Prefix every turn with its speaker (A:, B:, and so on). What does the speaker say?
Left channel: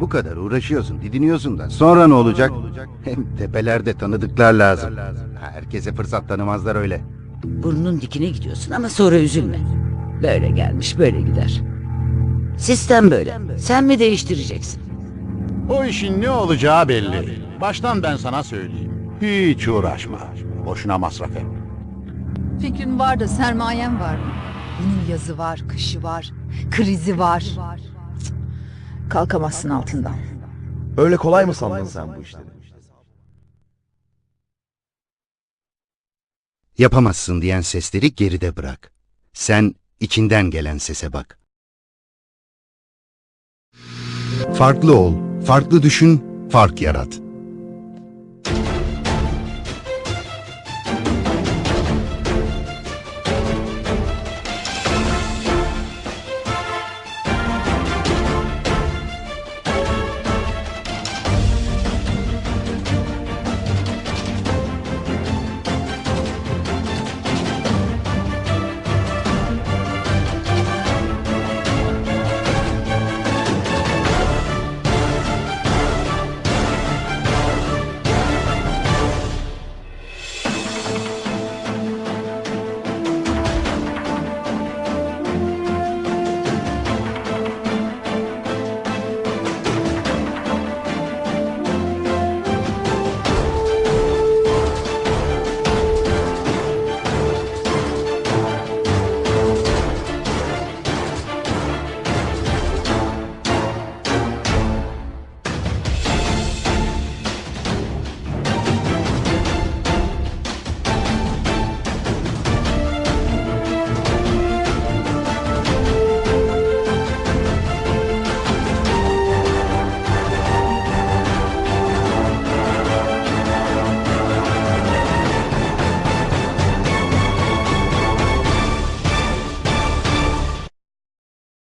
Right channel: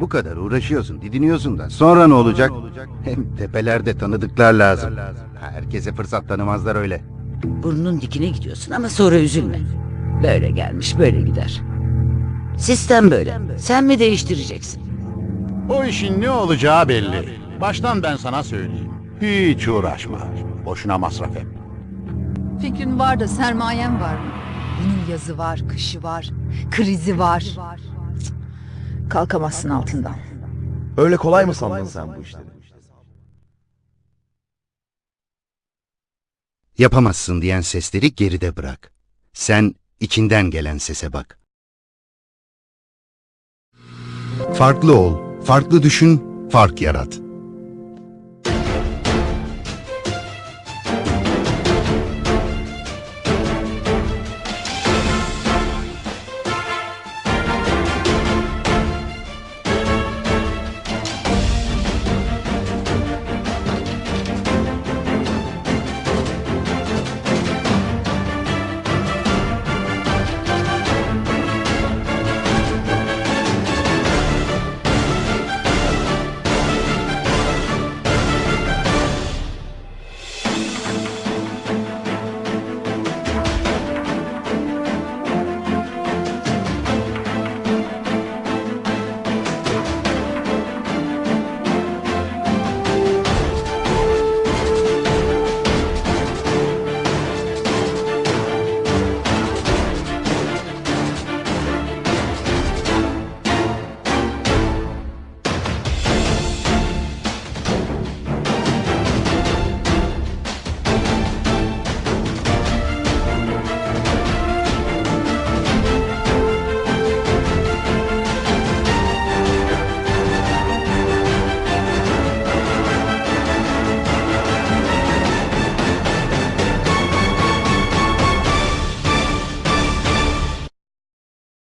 A: Bu kadar uğraşıyorsun, didiniyorsun da. Sonra ne olacak? Hem tepelerde tanıdıklar lazım. Herkese fırsat tanımazlar öyle.
B: Burnunun dikine gidiyorsun ama sonra üzülme. Böyle gelmiş böyle gider. Sistem böyle. Sen mi değiştireceksin?
C: O işin ne olacağı belli. Baştan ben sana söyleyeyim. Hiç uğraşma. Boşuna masraf et.
D: Fikrin var da sermayen var mı? Bunun yazı var, kışı var, krizi var. Kalkamazsın altından.
E: Öyle kolay mı sandın sen bu işleri?
A: Yapamazsın diyen sesleri geride bırak. Sen içinden gelen sese bak. Farklı ol, farklı düşün, fark yarat.